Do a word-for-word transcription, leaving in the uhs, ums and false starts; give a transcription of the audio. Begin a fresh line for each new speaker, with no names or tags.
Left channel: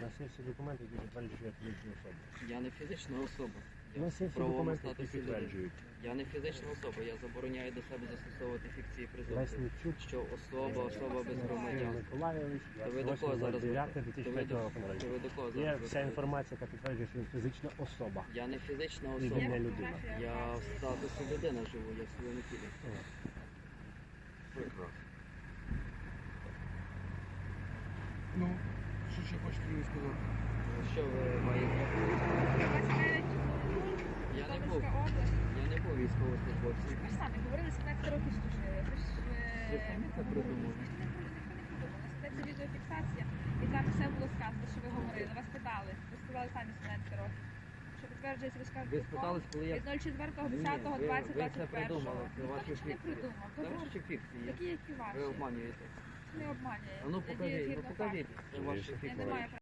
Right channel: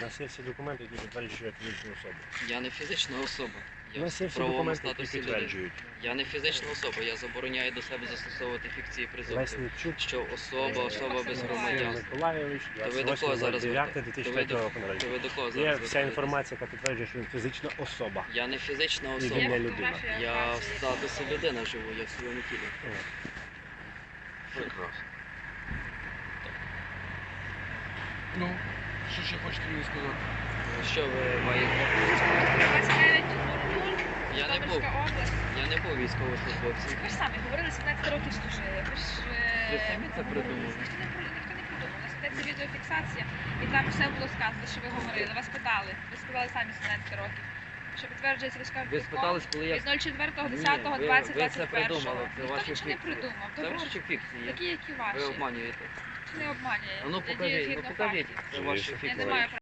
нас є всі документи, які підтверджують фізичну особу.
Я не фізична особа.
У
Я
нас є
в
всі
правовому
документи, які
статусі людини.
підтверджують.
Я не фізична особа, я забороняю до себе застосовувати фікції презумпції.
Лесничук
Що особа, особа без
Максим
громадянства.
Миколайович,
То ви до кого
двадцять
зараз
восьмого дев'ятого
То ви
дві тисячі третього
до-
року
то
народження.
ви до кого
Є
зараз
вся
звертаєтесь?
інформація, яка підтверджує, що він фізична особа.
Я не фізична
І
особа.
він не людина.
Я в статусі людина живу, я в своєму тілі.
Прекрасно.
Ну, що ще хочете мені сказати?
Що ви маєте? Я не був. Я не був військовослужбовцем.
Ви ж самі говорили, сімнадцять років служили. Ви ж е,
Ви самі це придумали.
Ніхто не при- ніхто не придумав. У нас ведеться відеофіксація, і там все було сказано, що ви говорили. Вас питали. Ви сказали самі сімнадцять років. Що підтверджується військовим
Ви спитались, коли я...
від нуль четвертого
Ні,
десятого
ви-
двадцять
ви це
двадцять першого.
придумали, це
Ніхто
ваші
нічого не
фікції.
придумав.
Це
Добре,
ваші фікції.
такі, які
Ви
ваші.
обманюєте.
Чи не обманює?
А ну
Я дію
покажіть, ну
згідно
покажіть.
фактів.
Це ваші
Я
Я не
фікції.
маю